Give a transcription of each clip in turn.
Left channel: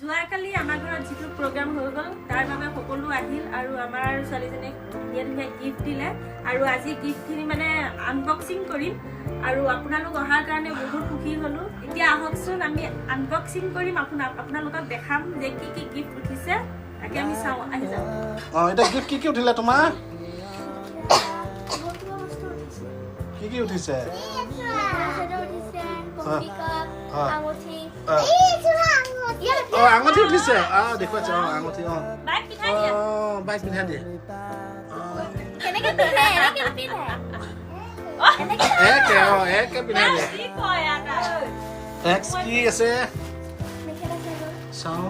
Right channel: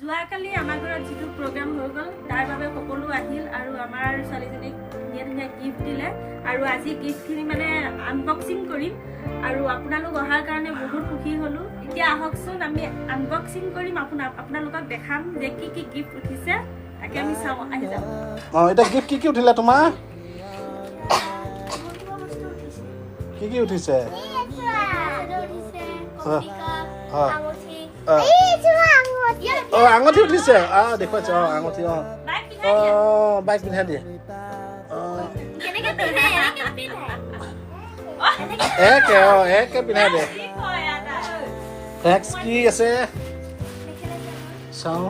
যোৱাকালি আমাৰ ঘৰত যিটো প্ৰগ্ৰাম হৈ গ'ল তাৰ বাবে সকলো আহিল আৰু আমাৰ ছোৱালীজনীক ধুনীয়া ধুনীয়া গিফ্ট দিলে আৰু আজি গিফ্টখিনি মানে আনবক্সিং কৰিম আৰু আপোনালোক অহাৰ কাৰণে বহুত সুখী হ'লো এতিয়া আহকচোন আমি আনবক্সিং কৰিম আপোনালোকক দেখাম যে কি কি গিফ্ট উঠিছে তাকে আমি চাওঁ আহি যাওঁ এটা গিফ্ট কি উঠিলে তোমাৰ কি উঠিছে আঙুঠি উঠিছে দেখুৱাইছে আঙুঠি বাইক পিন্ধাই দিয়ে একে পিন্ধাই দিয়ে নেক্সট কি আছে চাওঁ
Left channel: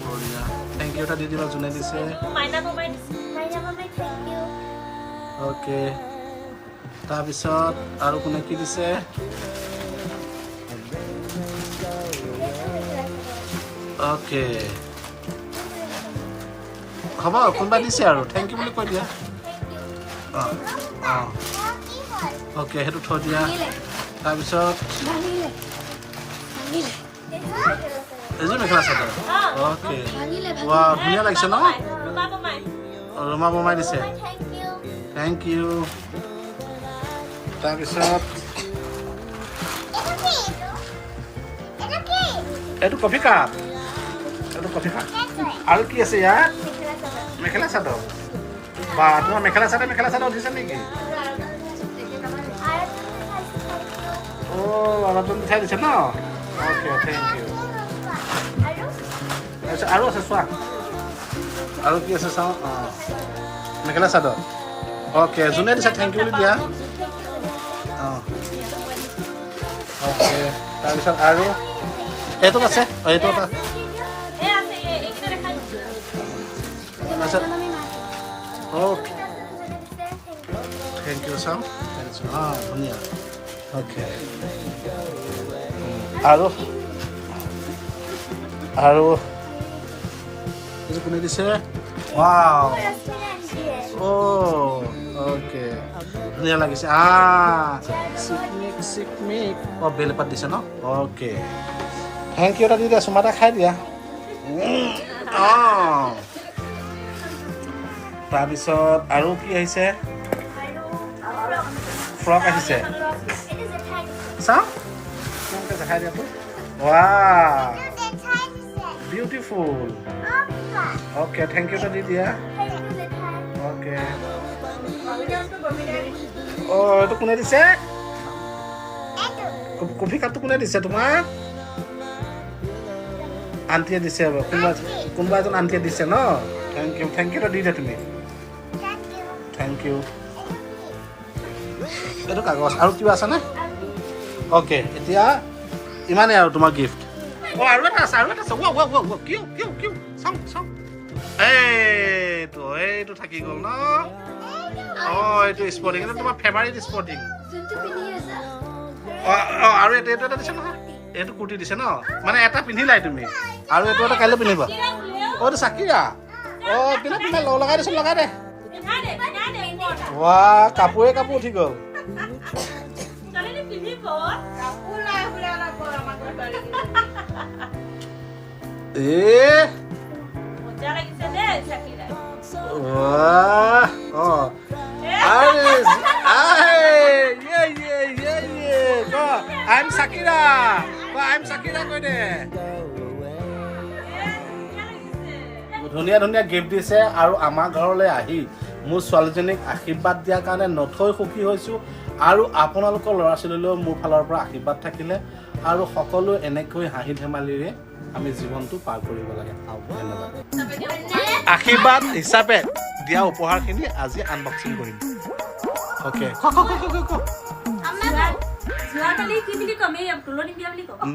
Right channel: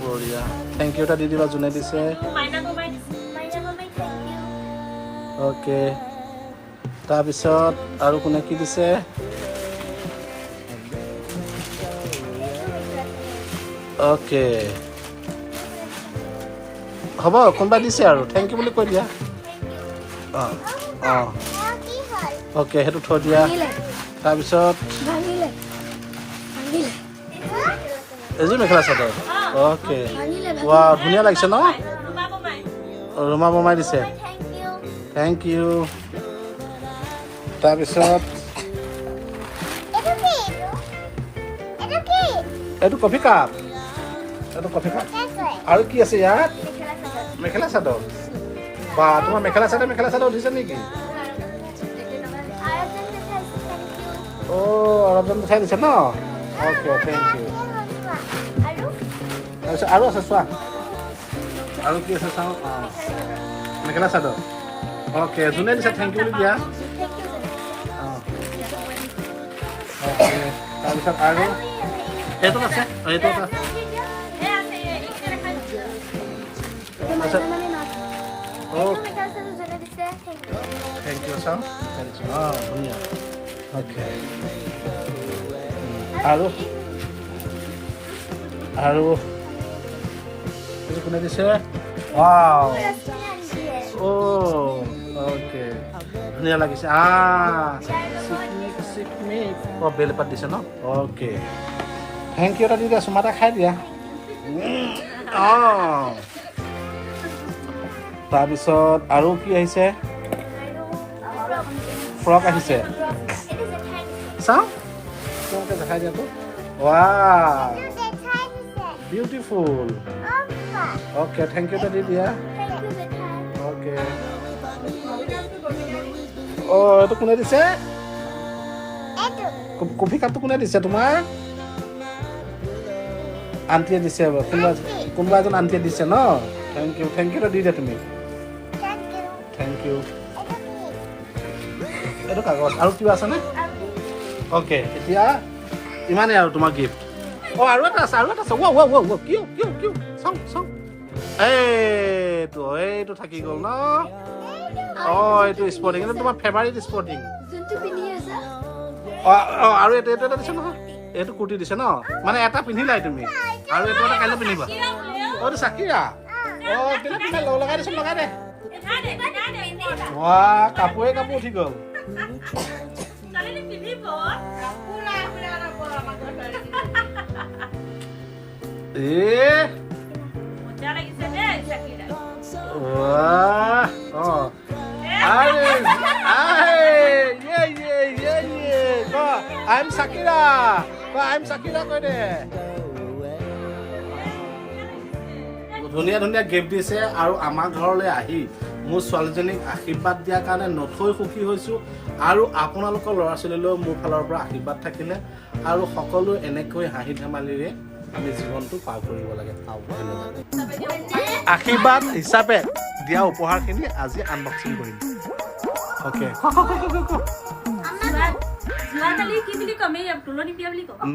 বঢ়িয়া থেংক ইউ এটা দি দিবা যোনে দিছে অ'কে তাৰপিছত আৰু কোনে কি দিছে অ'কে হ'ব কোনোবা দিছে আৰু থেংক ইউ বুলি কৈ দিয়া অ'কে সেইটো থৈ দিয়া তাৰপিছত এযোৰ মেখেলা চাদৰ অ'কে ৱা ধুনীয়া লাগিছে ন ৰুমা বমাই দিছে থেংক ইউ তাৰপিছত এইটো কফি কাপ আৰু কি আছে ইয়াত মেখেলা চাদৰ বা তোমাৰ মেখেলা চাদৰ দিছে নেকি অলপজন চাই দিছে ন অ'কে থেংক ইউ তাৰপিছত আৰু আছে চোৱা আৰু কি আছে চাওঁ মেখেলা চাদৰ অ'কে যোনে দিছে থেংক ইউ বুলি দিয়া অ'কে তাৰপিছত আৰু এইটোত আছে এইটো এটা তাৰপিছত অ'কে থেংক ইউ চাওঁ ধুনীয়া অ'কে আৰু এইটো কোনে দিছে ৱাও অ'কে ধুনীয়া লাগিছে চিকমিক বেলপাত দিছে ন অ'কে থেংক ইউ এটা দি দিয়া চুমা এটা খাই দিয়া তাৰপিছত আৰু কি আহিছে ফ্ৰক আহিছে চাওঁ তোমালোকে দেখাই দিয়াতো wow beautiful okay thank you এটা দি দিয়া অ'কে এইটো কোনে দিছে কফি কাপটো কোনে দিছে তোমাক আণ্টিয়ে দিছে কোনোবা এজন আণ্টিয়ে দিছে ন থেংক ইউ এটা দি দিয়া তুমি থেংক ইউ এইটো কাগজ আৰু কিবা আছেনে অ'কে এতিয়া ইমানেই আৰু তোমাৰ গিফ্ট আৰু এটা আছে কিয় চাওঁ এইটো থাকি গ'ল ন এইটো স্পৰ্টিং এইটো তোমাৰ ফেভাৰিট স্পৰ্টিং আৰু এইটো এটা দিছে নহয় এইটো কুৰ্তি দিছে ন মানে এটা পিন্ধিলাই তুমি আৰু এইটো এটা কাইলৈ পিন্ধিবা এইটো চাকিৰা পিন্ধা লগাই দিছে লগাই দে কাপোৰ উঠি গ'ল I'm Sakira কৈ দে ধুনীয়া গিফ্ট দিছে আৰু আমাৰ ঘৰলৈ আহি মোৰ ছোৱালীজনীক আশীৰ্বাদ দিয়াৰ কাৰণে নথৈ সুখী হৈছোঁ আৰু আপোনালোকৰ ল'ৰা ছোৱালীলৈও মোৰ ফালৰ পৰা আশীৰ্বাদ থাকিলে আৰু সকলো এনেকৈ হাঁহি ধেমালিৰে আমি জীৱনটো পাৰ কৰিব লাগে আশীৰ্বাদ হিচাপে দিয়া উপহাৰখিনি আজি আনবক্সিং কৰিম অ'কে যোৱাকালি কি বুলি ক'ম এই তুলনি বিয়া বুলি ক'ম